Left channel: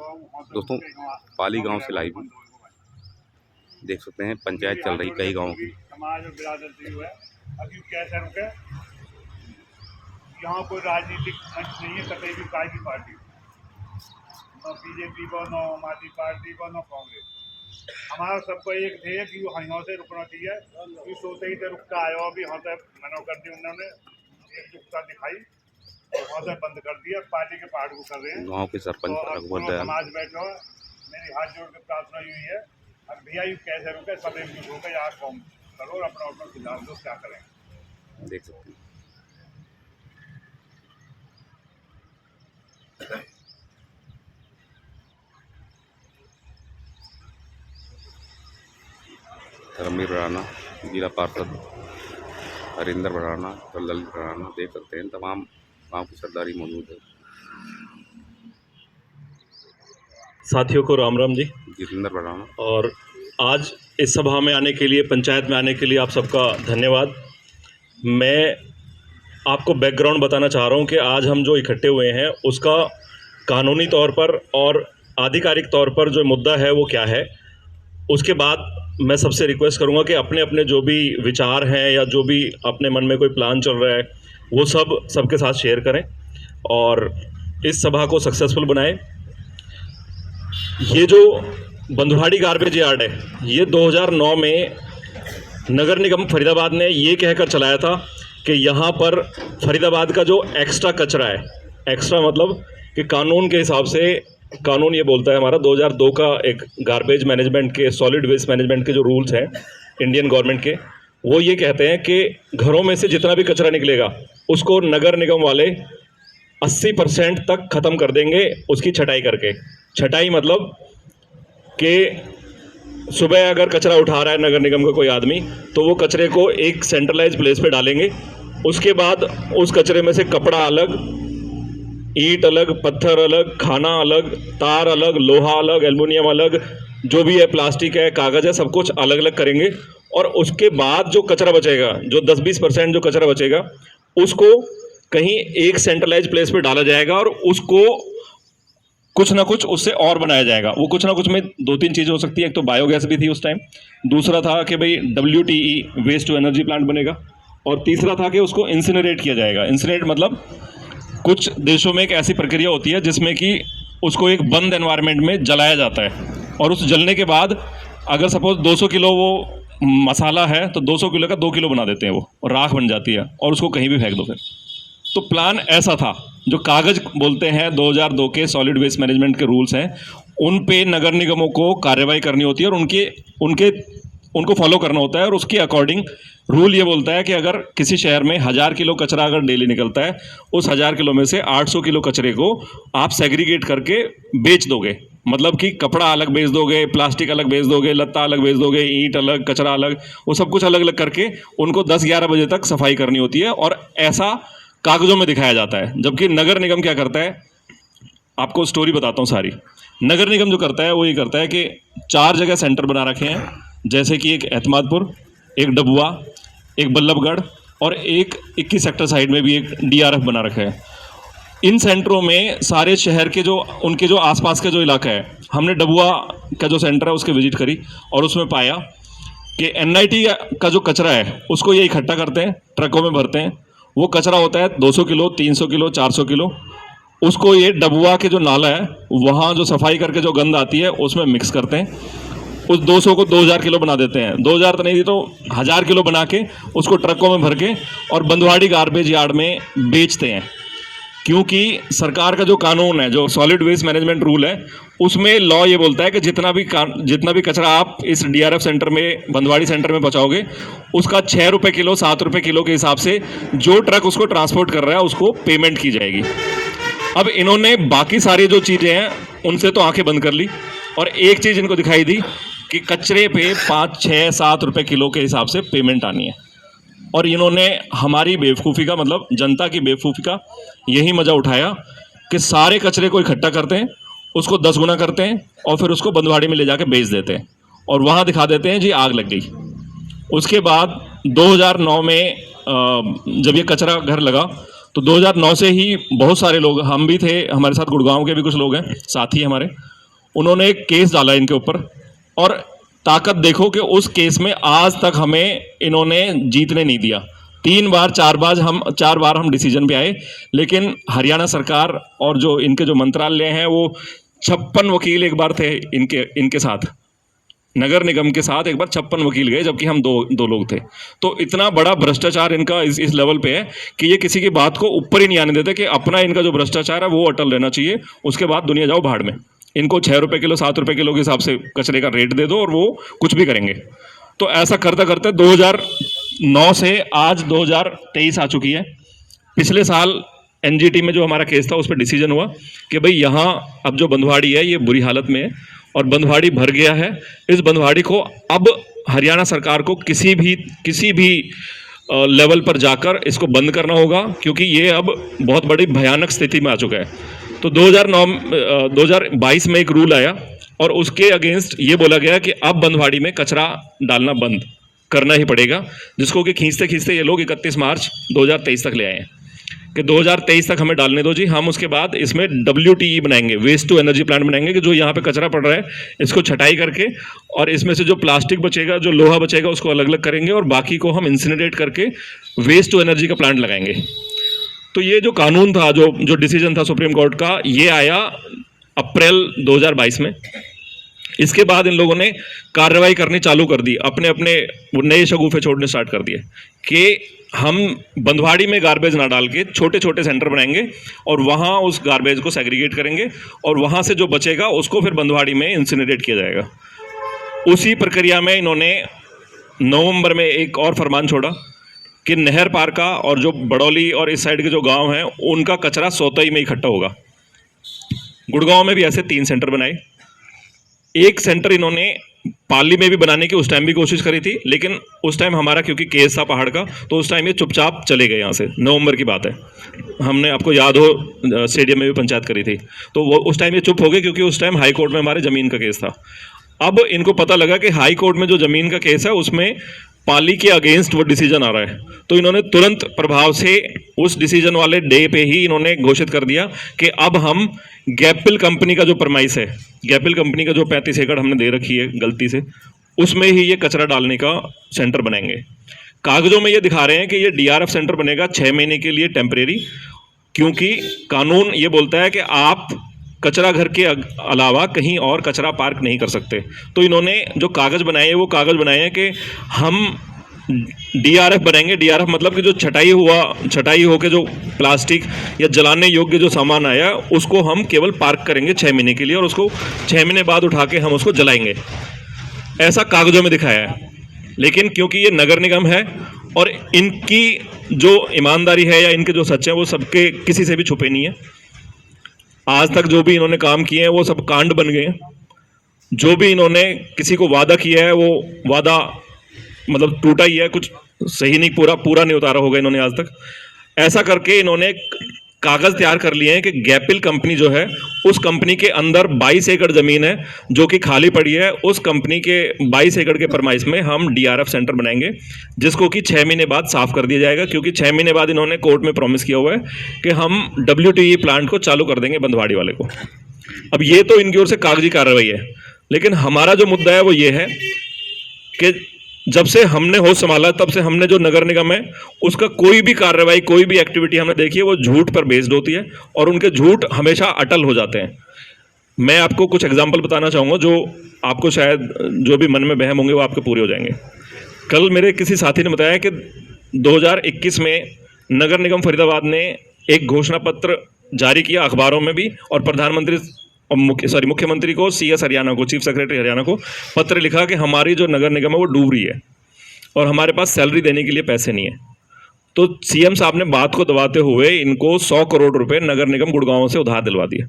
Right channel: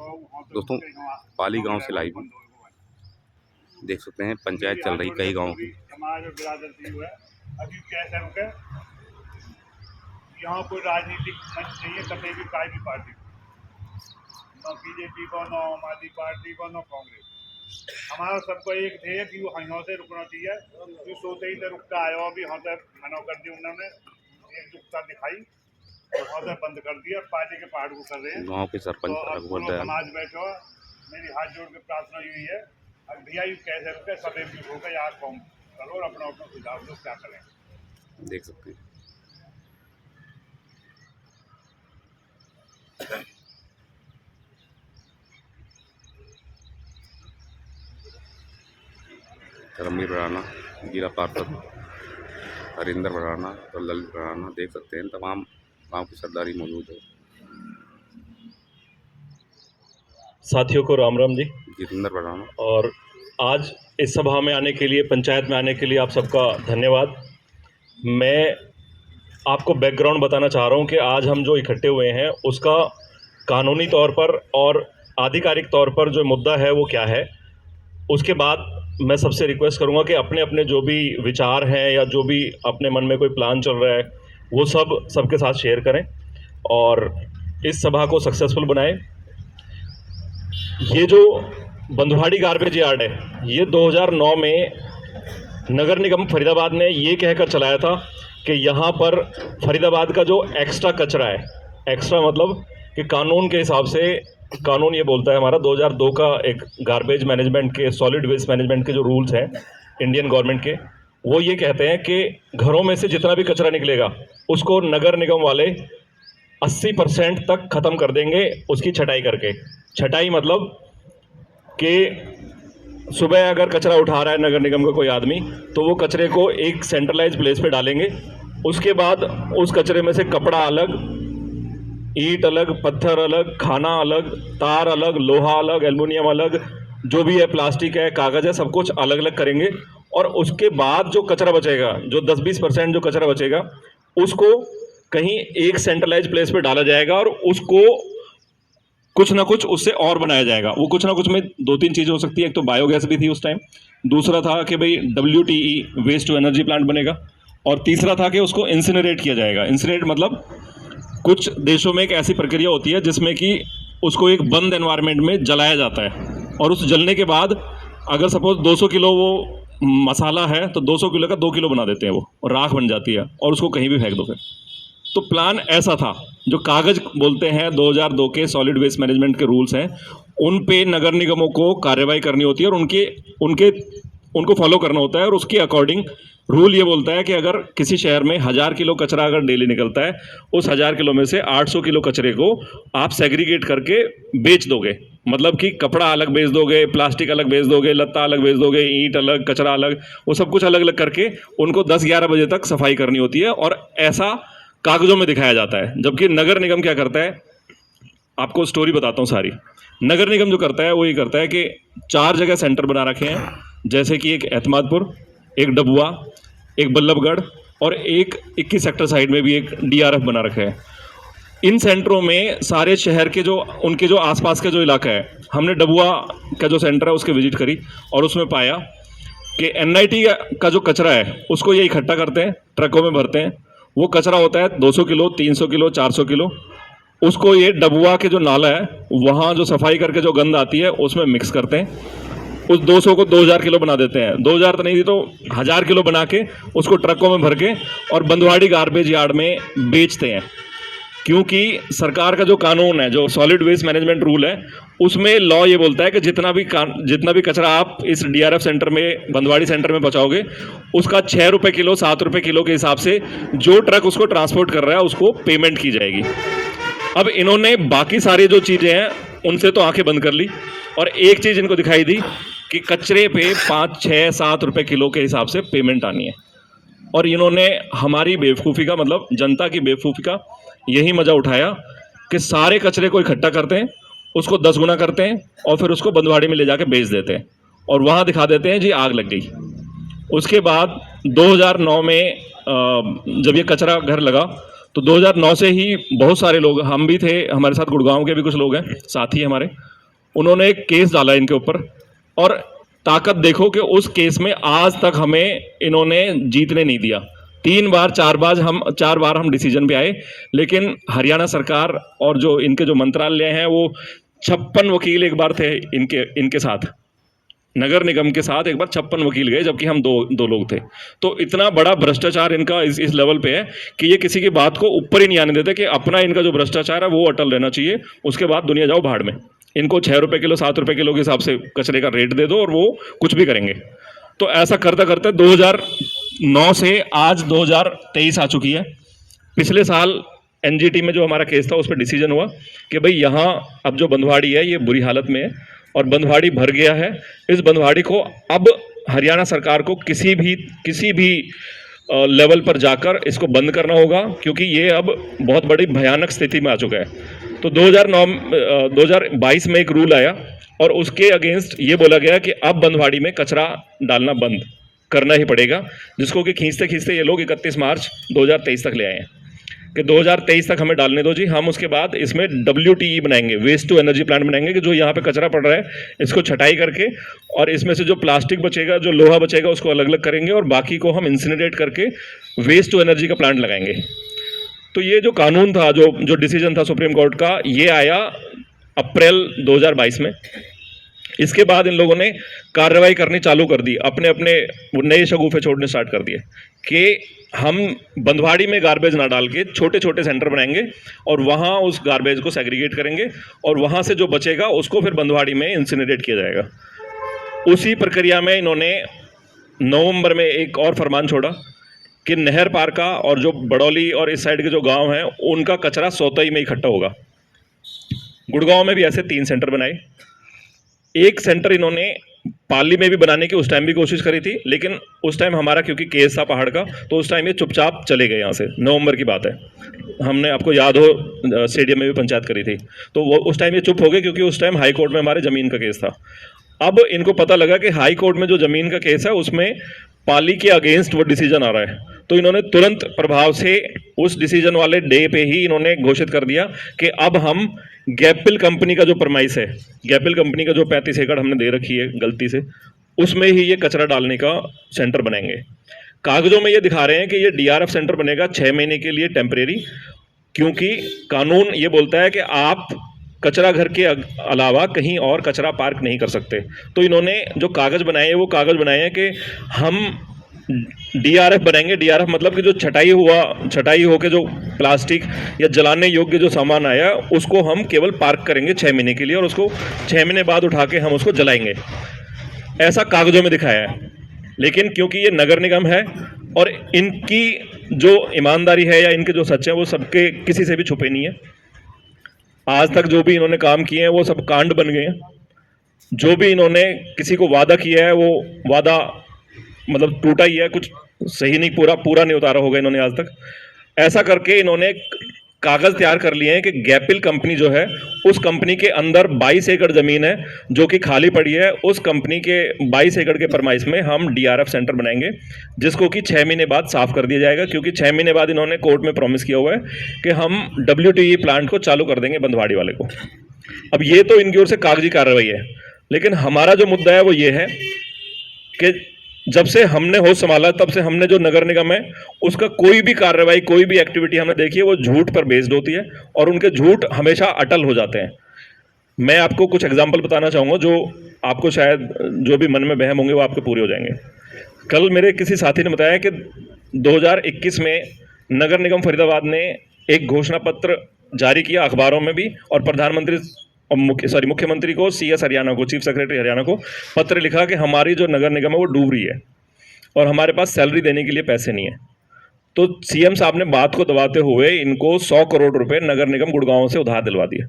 दोस्तों पाली गांव से लाइव देख सकते हैं, पंचायत चल रही कई गांवों की। समाज और बिरादरी है अभी कैसे रुके। यहाँ कोई राजनीतिक मंच नहीं है, कतई भी कोई भी पार्टी, न बीजेपी को, न आम आदमी पार्टी को, न कांग्रेस। हमारा सबको एक ध्येय कि वो यहाँ से रुकना चाहिए। कि सोते ही से रुक के आयो, अभी यहाँ से मना कर दी उन्होंने, एकजुटता दिखाई और वहाँ से बंद कर दिया। पार्टी के पहाड़ को कर रहे हैं गांव के सरपंच तो रघुवर दयाल समाज बैठो। मेरी हाथ जोड़ के प्रार्थना यही है, अब भैया यू कैसे रुके, सब एकजुट होकर यहाँ कौन करो और अपना अपना सुझाव दो क्या करें। देख सकते हैं। धर्मवीर राणा, जिला पार्षद हरिंदर राणा और ललित राणा, देख सकते हैं तमाम गांव की सरदारी मौजूद है। साथियों को राम राम जी। जितेंद्र राणा और आज इस सभा में आने के लिए, पंचायत में आने के लिए आप सबका धन्यवाद। मैं आपको बैकग्राउंड बताना चाह रहा हूं कि आज हम जो इकट्ठे हुए हैं उसका कानूनी तौर पर और आधिकारिक तौर पर जो मुद्दा है वो क्या है। उसके बाद मैं सबसे रिक्वेस्ट करूंगा कि अपने अपने जो भी विचार हैं या जो भी अपने मन में कोई प्लान चल रहा है वो सब सबके साथ शेयर करें और इस सभा को सक्सेसफुल बनाएं। ये जो बंधुवाड़ी गार्बेज यार्ड है, ये 2009 में नगर निगम फरीदाबाद ने ये कहकर चलाया था कि यहाँ पर फरीदाबाद का जो एक्स्ट्रा कचरा है, एक्स्ट्रा मतलब कि कानून के हिसाब से, कानून ये बोलता है हमारा 2002 का एक गार्बेज मैनेजमेंट के, सॉलिड वेस्ट मैनेजमेंट के जो रूल्स हैं इंडियन गवर्नमेंट के, वो ये कहते हैं कि घरों में से जितना भी कचरा निकलेगा उसको नगर निगम वाले 80% तक ख़त्म कर देंगे उसकी छटाई करके। छटाई मतलब कि सुबह अगर कचरा उठा रहा है नगर निगम का कोई आदमी, तो वो कचरे को एक सेंट्रलाइज प्लेस पे डालेंगे। उसके बाद उस कचरे में से कपड़ा अलग, ईंट अलग, पत्थर अलग, खाना अलग, तार अलग, लोहा अलग, एल्युमिनियम अलग, जो भी है, प्लास्टिक है, कागज़ है, सब कुछ अलग अलग करेंगे। और उसके बाद जो कचरा बचेगा, जो 10-20% जो कचरा बचेगा, उसको कहीं एक सेंट्रलाइज प्लेस पे डाला जाएगा और उसको कुछ ना कुछ उससे और बनाया जाएगा। वो कुछ ना कुछ में 2-3 चीज़ें हो सकती है। एक तो बायोगैस भी थी उस टाइम, दूसरा था कि भाई WTE waste to energy plant बनेगा, और तीसरा था कि उसको इंसिनरेट किया जाएगा। इंसिनरेट मतलब कुछ देशों में एक ऐसी प्रक्रिया होती है जिसमें कि उसको एक बंद एनवायरनमेंट में जलाया जाता है और उस जलने के बाद अगर सपोज 200 किलो वो मसाला है तो 200 किलो का 2 किलो बना देते हैं, वो राख बन जाती है और उसको कहीं भी फेंक दो। फिर तो प्लान ऐसा था। जो कागज़ बोलते हैं 2002 के सॉलिड वेस्ट मैनेजमेंट के रूल्स हैं, उन पे नगर निगमों को कार्रवाई करनी होती है और उनको फॉलो करना होता है। और उसके अकॉर्डिंग रूल ये बोलता है कि अगर किसी शहर में 1000 किलो कचरा अगर डेली निकलता है, उस 1000 किलो में से 800 किलो कचरे को आप सेग्रीगेट करके बेच दोगे। मतलब कि कपड़ा अलग बेच दोगे, प्लास्टिक अलग बेच दोगे, लत्ता अलग बेच दोगे, ईंट अलग, कचरा अलग, वो सब कुछ अलग अलग करके उनको 10-11 बजे तक सफाई करनी होती है। और ऐसा कागज़ों में दिखाया जाता है। जबकि नगर निगम क्या करता है, आपको स्टोरी बताता हूँ सारी। नगर निगम जो करता है वो ये करता है कि 4 जगह सेंटर बना रखे हैं, जैसे कि एक एतमादपुर, एक डबुआ, एक बल्लभगढ़ और एक 21 सेक्टर साइड में भी एक DRF बना रखा है। इन सेंटरों में सारे शहर के जो उनके जो आसपास का जो इलाका है, हमने डबुआ का जो सेंटर है उसकी विजिट करी और उसमें पाया कि NIT का जो कचरा है उसको ये इकट्ठा करते हैं, ट्रकों में भरते हैं। वो कचरा होता है 200 किलो, 300 किलो, 400 किलो। उसको ये डबुआ के जो नाला है वहाँ जो सफाई करके जो गंद आती है उसमें मिक्स करते हैं। उस 200 को 2000 किलो बना देते हैं। 2000 तो नहीं थी तो 1000 किलो बना के उसको ट्रकों में भर के और बंधुवाड़ी गार्बेज यार्ड में बेचते हैं। क्योंकि सरकार का जो कानून है, जो सॉलिड वेस्ट मैनेजमेंट रूल है, उसमें लॉ ये बोलता है कि जितना भी कचरा आप इस DRF सेंटर में, बंधुवाड़ी सेंटर में पहुँचाओगे, उसका 6 रुपये किलो, 7 रुपये किलो के हिसाब से जो ट्रक उसको ट्रांसपोर्ट कर रहा है उसको पेमेंट की जाएगी। अब इन्होंने बाकी सारी जो चीज़ें हैं उनसे तो आंखें बंद कर ली और एक चीज़ इनको दिखाई दी कि कचरे पे 5, 6, 7 रुपये किलो के हिसाब से पेमेंट आनी है। और इन्होंने हमारी बेवकूफ़ी का, मतलब जनता की बेवकूफ़ी का यही मज़ा उठाया कि सारे कचरे को इकट्ठा करते हैं, उसको 10 गुना करते हैं और फिर उसको बंधुवाड़ी में ले जाके बेच देते हैं और वहाँ दिखा देते हैं जी आग लग गई। उसके बाद 2009 में जब ये कचरा घर लगा तो 2009 से ही बहुत सारे लोग, हम भी थे, हमारे साथ गुड़गांव के भी कुछ लोग हैं साथी हमारे, उन्होंने एक केस डाला इनके ऊपर, और ताकत देखो कि उस केस में आज तक हमें इन्होंने जीतने नहीं दिया। 4 बार हम डिसीजन पे आए, लेकिन हरियाणा सरकार और जो इनके जो मंत्रालय हैं वो 56 वकील एक बार थे इनके साथ, नगर निगम के साथ एक बार 56 वकील गए, जबकि हम दो लोग थे। तो इतना बड़ा भ्रष्टाचार इनका इस लेवल पे है कि ये किसी की बात को ऊपर ही नहीं आने देते, कि अपना इनका जो भ्रष्टाचार है वो अटल रहना चाहिए, उसके बाद दुनिया जाओ भाड़ में। इनको 6 रुपये किलो 7 रुपये किलो के हिसाब से कचरे का रेट दे दो और वो कुछ भी करेंगे। तो ऐसा करते करते 2009 से आज 2023 आ चुकी है। पिछले साल एनजीटी में जो हमारा केस था उस पर डिसीजन हुआ कि भाई यहाँ अब जो बंधवाड़ी है ये बुरी हालत में है और बंधवाड़ी भर गया है। इस बंधवाड़ी को अब हरियाणा सरकार को किसी भी लेवल पर जाकर इसको बंद करना होगा, क्योंकि ये अब बहुत बड़ी भयानक स्थिति में आ चुका है। तो 2022 में एक रूल आया और उसके अगेंस्ट ये बोला गया कि अब बंधवाड़ी में कचरा डालना बंद करना ही पड़ेगा, जिसको कि खींचते खींचते ये लोग 31 मार्च 2023 तक ले आए हैं कि 2023 तक हमें डालने दो जी। हम उसके बाद इसमें WTE बनाएंगे, वेस्ट टू एनर्जी प्लांट बनाएंगे, कि जो यहाँ पे कचरा पड़ रहा है इसको छटाई करके और इसमें से जो प्लास्टिक बचेगा, जो लोहा बचेगा, उसको अलग अलग करेंगे और बाकी को हम इंसिनरेट करके वेस्ट टू एनर्जी का प्लांट लगाएंगे। तो ये जो कानून था, जो डिसीजन था सुप्रीम कोर्ट का, ये आया अप्रैल 2022 में। इसके बाद इन लोगों ने कार्रवाई करनी चालू कर दी, अपने अपने नए शगुफे छोड़ने स्टार्ट कर दिए कि हम बंधवाड़ी में गार्बेज ना डाल के छोटे छोटे सेंटर बनाएंगे और वहाँ उस गार्बेज को सेग्रीगेट करेंगे और वहाँ से जो बचेगा उसको फिर बंधवाड़ी में इंसिनरेट किया जाएगा। उसी प्रक्रिया में इन्होंने नवंबर में एक और फरमान छोड़ा कि नहर पार का और जो बड़ौली और इस साइड के जो गांव हैं उनका कचरा सोतई में इकट्ठा होगा। गुड़गांव में भी ऐसे 3 सेंटर बनाए। एक सेंटर इन्होंने पाली में भी बनाने की उस टाइम भी कोशिश करी थी, लेकिन उस टाइम हमारा क्योंकि केस था पहाड़ का, तो उस टाइम ये चुपचाप चले गए यहाँ से। नवंबर की बात है, हमने आपको याद हो स्टेडियम में भी पंचायत करी थी, तो वो उस टाइम ये चुप हो गए क्योंकि उस टाइम हाई कोर्ट में हमारे ज़मीन का केस था। अब इनको पता लगा कि हाई कोर्ट में जो ज़मीन का केस है उसमें पाली के अगेंस्ट वो डिसीजन आ रहा है, तो इन्होंने तुरंत प्रभाव से उस डिसीजन वाले डे पे ही इन्होंने घोषित कर दिया कि अब हम गैपिल कंपनी का जो परमाइस है, गैपिल कंपनी का जो 35 एकड़ हमने दे रखी है गलती से, उसमें ही ये कचरा डालने का सेंटर बनाएंगे। कागजों में ये दिखा रहे हैं कि ये DRF सेंटर बनेगा 6 महीने के लिए टेम्परेरी, क्योंकि कानून ये बोलता है कि आप कचरा घर के अलावा कहीं और कचरा पार्क नहीं कर सकते। तो इन्होंने जो कागज़ बनाए हैं वो कागज़ बनाए हैं कि हम DRF बनाएंगे। DRF मतलब कि जो छटाई होके जो प्लास्टिक या जलाने योग्य जो सामान आया उसको हम केवल पार्क करेंगे 6 महीने के लिए और उसको 6 महीने बाद उठा के हम उसको जलाएंगे, ऐसा कागज़ों में दिखाया है। लेकिन क्योंकि ये नगर निगम है और इनकी जो ईमानदारी है या इनके जो सच्चे हैं वो सबके किसी से भी छुपे नहीं है। आज तक जो भी इन्होंने काम किए हैं वो सब कांड बन गए हैं। जो भी इन्होंने किसी को वादा किया है वो वादा मतलब टूटा ही है, कुछ सही नहीं, पूरा नहीं उतारा होगा इन्होंने आज तक। ऐसा करके इन्होंने कागज़ तैयार कर लिए हैं कि गैपिल कंपनी जो है उस कंपनी के अंदर 22 एकड़ ज़मीन है जो कि खाली पड़ी है। उस कंपनी के 22 एकड़ के परमाइश में हम DRF सेंटर बनाएंगे, जिसको कि 6 महीने बाद साफ़ कर दिया जाएगा, क्योंकि 6 महीने बाद इन्होंने कोर्ट में प्रॉमिस किया हुआ है कि हम WTE प्लांट को चालू कर देंगे बंधवाड़ी वाले को। अब ये तो इनकी ओर से कागजी कार्रवाई है, लेकिन हमारा जो मुद्दा है वो ये है कि जब से हमने होश संभाला तब से हमने जो नगर निगम है उसका कोई भी कार्रवाई, कोई भी एक्टिविटी हमने देखी है वो झूठ पर बेस्ड होती है और उनके झूठ हमेशा अटल हो जाते हैं। मैं आपको कुछ एग्जांपल बताना चाहूँगा जो आपको शायद जो भी मन में वहम होंगे वो आपके पूरे हो जाएंगे। कल मेरे किसी साथी ने बताया कि 2021 में नगर निगम फरीदाबाद ने एक घोषणा पत्र जारी किया अखबारों में भी, और प्रधानमंत्री मुख्यमंत्री को, CS हरियाणा को, चीफ सेक्रेटरी हरियाणा को पत्र लिखा कि हमारी जो नगर निगम है वो डूब रही है और हमारे पास सैलरी देने के लिए पैसे नहीं है। तो CM साहब ने बात को दबाते हुए इनको 100 करोड़ रुपए नगर निगम गुड़गांव से उधार दिलवा दिए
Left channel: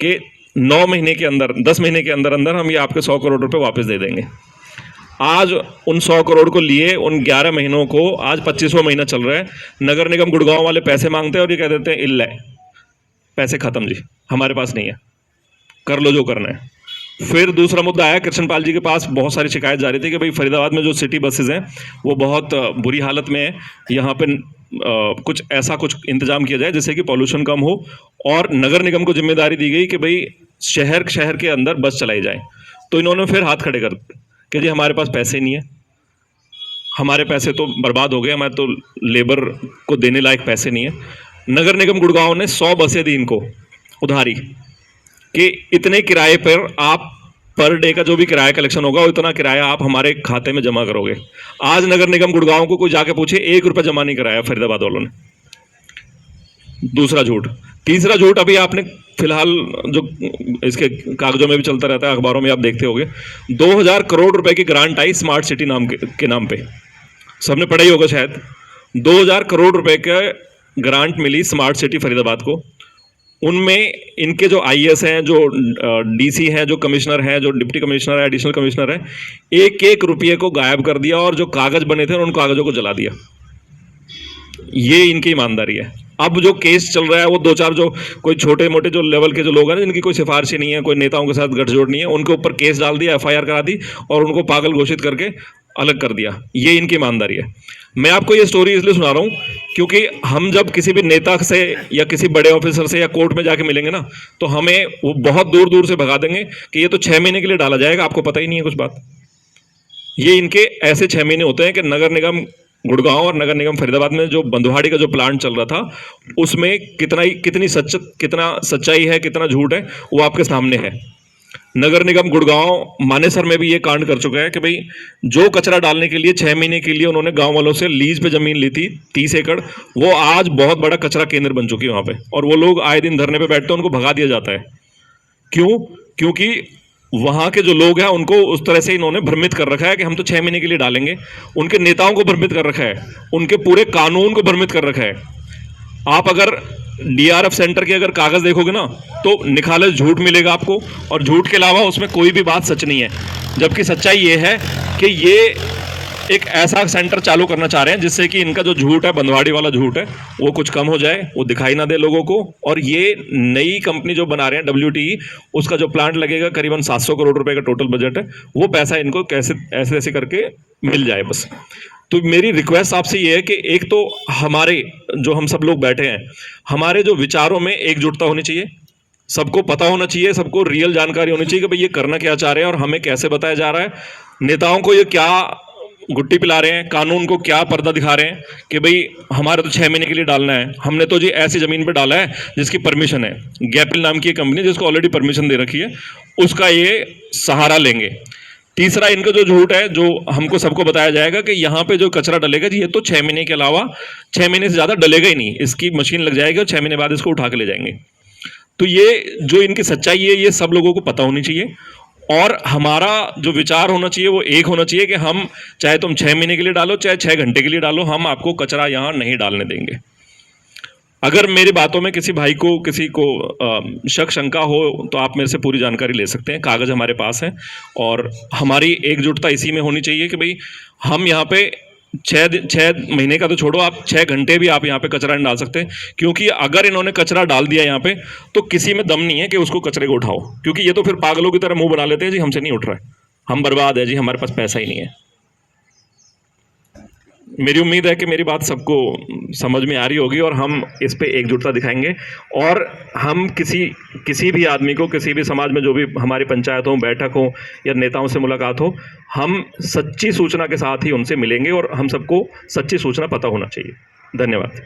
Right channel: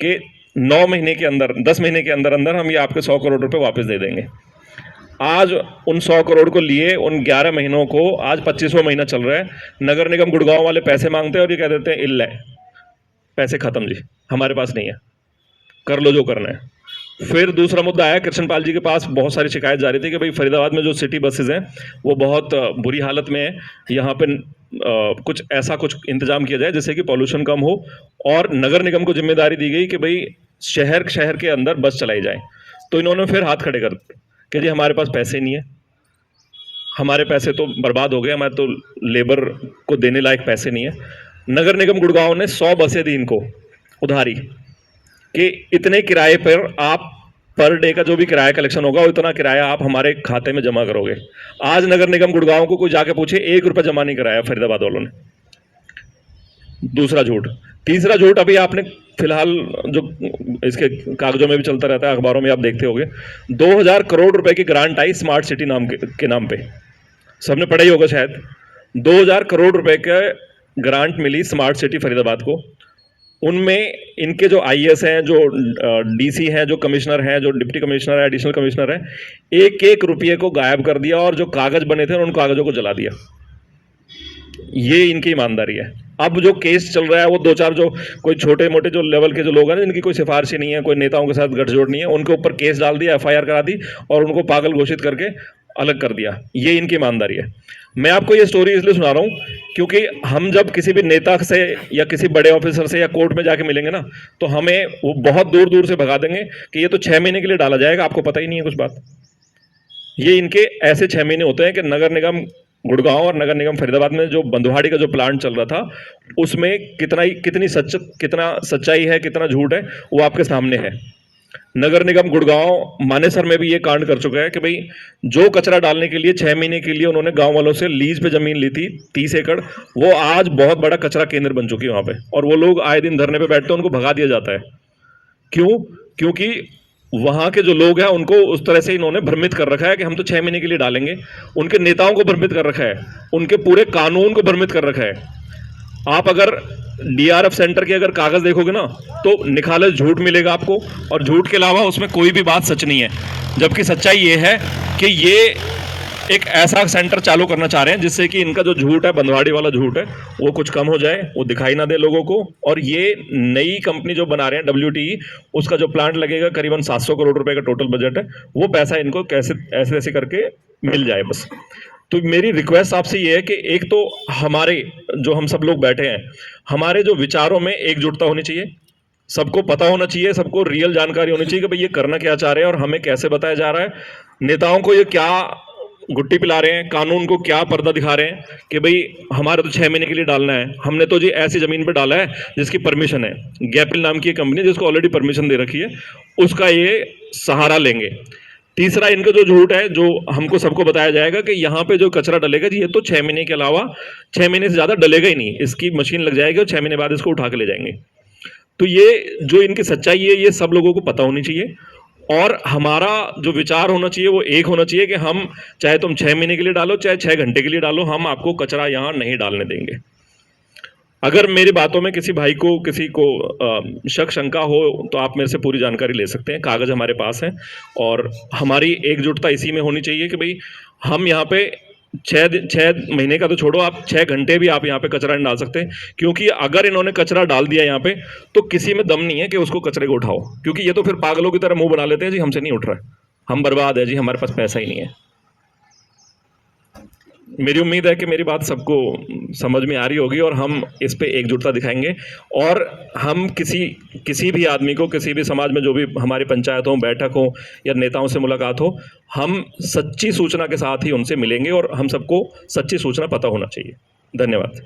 कि 9 महीने के अंदर, 10 महीने के अंदर अंदर हम ये आपके 100 करोड़ रुपए वापस दे देंगे। आज उन 100 करोड़ को लिए उन 11 महीनों को आज 25वां महीना चल रहा है। नगर निगम गुड़गांव वाले पैसे मांगते हैं और ये कह देते हैं इल्ल है, पैसे खत्म जी, हमारे पास नहीं है, कर लो जो करना है। फिर दूसरा मुद्दा आया, कृष्णपाल जी के पास बहुत सारी शिकायत जा रही थी कि भाई फरीदाबाद में जो सिटी बसेज हैं वो बहुत बुरी हालत में है, यहाँ पे कुछ इंतजाम किया जाए जिससे कि पॉल्यूशन कम हो। और नगर निगम को जिम्मेदारी दी गई कि भाई शहर शहर के अंदर बस चलाई जाए। तो इन्होंने फिर हाथ खड़े कर दिए कि जी हमारे पास पैसे नहीं है, हमारे पैसे तो बर्बाद हो गए, हमारे तो लेबर को देने लायक पैसे नहीं है। नगर निगम गुड़गांव ने 100 बसें दी इनको उधारी कि इतने किराए पर आप पर डे का जो भी किराया कलेक्शन होगा उतना किराया आप हमारे खाते में जमा करोगे। आज नगर निगम गुड़गांव को कोई जाके पूछे 1 रुपया जमा नहीं कराया फरीदाबाद वालों ने। दूसरा झूठ। तीसरा झूठ अभी आपने फिलहाल जो इसके कागजों में भी चलता रहता है, अखबारों में आप देखते होंगे, 2000 करोड़ रुपए की ग्रांट आई स्मार्ट सिटी नाम के नाम पे, सबने पढ़ा ही होगा शायद। 2000 करोड़ रुपए का ग्रांट मिली स्मार्ट सिटी फरीदाबाद को। उनमें इनके जो आईएएस हैं, जो डीसी हैं, जो कमिश्नर हैं, जो डिप्टी कमिश्नर है, एडिशनल कमिश्नर है, एक एक रुपये को गायब कर दिया और जो कागज बने थे उन कागजों को जला दिया। ये इनकी ईमानदारी है। अब जो केस चल रहा है वो 2-4 जो कोई छोटे मोटे जो लेवल के जो लोग हैं जिनकी कोई सिफारिश नहीं है, कोई नेताओं के साथ गठजोड़ नहीं है, उनके ऊपर केस डाल दिया, एफआईआर करा दी और उनको पागल घोषित करके अलग कर दिया। ये इनकी ईमानदारी है। मैं आपको ये स्टोरी इसलिए सुना रहा हूँ क्योंकि हम जब किसी भी नेता से या किसी बड़े ऑफिसर से या कोर्ट में जाके मिलेंगे ना, तो हमें वो बहुत दूर दूर से भगा देंगे कि ये तो 6 महीने के लिए डाला जाएगा, आपको पता ही नहीं है कुछ बात। ये इनके ऐसे 6 महीने होते हैं कि नगर निगम गुड़गांव और नगर निगम फरीदाबाद में जो बंधुहाड़ी का जो प्लांट चल रहा था उसमें कितनी सच्चाई है, कितना झूठ है, वो आपके सामने है। नगर निगम गुड़गांव मानेसर में भी ये कांड कर चुका है कि भाई जो कचरा डालने के लिए 6 महीने के लिए उन्होंने गांव वालों से लीज पे जमीन ली थी 30 एकड़, वो आज बहुत बड़ा कचरा केंद्र बन चुकी है वहां पे, और वो लोग आए दिन धरने पे बैठते हैं, उनको भगा दिया जाता है। क्यों? क्योंकि वहां के जो लोग हैं उनको उस तरह से इन्होंने भ्रमित कर रखा है कि हम तो 6 महीने के लिए डालेंगे। उनके नेताओं को भ्रमित कर रखा है, उनके पूरे कानून को भ्रमित कर रखा है। आप अगर डीआरएफ सेंटर के अगर कागज देखोगे ना तो निखालस झूठ मिलेगा आपको, और झूठ के अलावा उसमें कोई भी बात सच नहीं है। जबकि सच्चाई ये है कि ये एक ऐसा सेंटर चालू करना चाह रहे हैं जिससे कि इनका जो झूठ है, बंधवाड़ी वाला झूठ है, वो कुछ कम हो जाए, वो दिखाई ना दे लोगों को। और ये नई कंपनी जो बना रहे हैं WTE, उसका जो प्लांट लगेगा करीबन 700 करोड़ रुपए का टोटल बजट है, वो पैसा इनको कैसे ऐसे ऐसे करके मिल जाए बस। तो मेरी रिक्वेस्ट आपसे ये है कि एक तो हमारे जो हम सब लोग बैठे हैं, हमारे जो विचारों में एकजुटता होनी चाहिए, सबको पता होना चाहिए, सबको रियल जानकारी होनी चाहिए कि भाई ये करना क्या चाह रहे हैं और हमें कैसे बताया जा रहा है, नेताओं को ये क्या गुट्टी पिला रहे हैं, कानून को क्या पर्दा दिखा रहे हैं कि भाई हमारा तो 6 महीने के लिए डालना है, हमने तो जी ऐसी जमीन पे डाला है जिसकी परमिशन है, गैपिल नाम की कंपनी जिसको ऑलरेडी परमिशन दे रखी है, उसका ये सहारा लेंगे। तीसरा इनका जो झूठ है, जो हमको सबको बताया जाएगा कि यहाँ पे जो कचरा डलेगा जी ये तो 6 महीने के अलावा 6 महीने से ज़्यादा डलेगा ही नहीं, इसकी मशीन लग जाएगी और 6 महीने बाद इसको उठा के ले जाएंगे। तो ये जो इनकी सच्चाई है ये सब लोगों को पता होनी चाहिए, और हमारा जो विचार होना चाहिए वो एक होना चाहिए कि हम चाहे तुम 6 महीने के लिए डालो चाहे 6 घंटे के लिए डालो, हम आपको कचरा यहाँ नहीं डालने देंगे। अगर मेरी बातों में किसी भाई को किसी को शक शंका हो तो आप मेरे से पूरी जानकारी ले सकते हैं, कागज़ हमारे पास हैं। और हमारी एकजुटता इसी में होनी चाहिए कि भाई हम यहाँ पे 6 महीने का तो छोड़ो, आप 6 घंटे भी आप यहाँ पे कचरा नहीं डाल सकते, क्योंकि अगर इन्होंने कचरा डाल दिया यहाँ पे तो किसी में दम नहीं है कि उसको कचरे को उठाओ, क्योंकि ये तो फिर पागलों की तरह मुंह बना लेते हैं जी हमसे नहीं उठ रहा है, हम बर्बाद है जी, हमारे पास पैसा ही नहीं है। मेरी उम्मीद है कि मेरी बात सबको समझ में आ रही होगी और हम इस पे एकजुटता दिखाएंगे, और हम किसी भी आदमी को, किसी भी समाज में जो भी हमारी पंचायत हो, बैठक हो या नेताओं से मुलाकात हो, हम सच्ची सूचना के साथ ही उनसे मिलेंगे और हम सबको सच्ची सूचना पता होना चाहिए। धन्यवाद।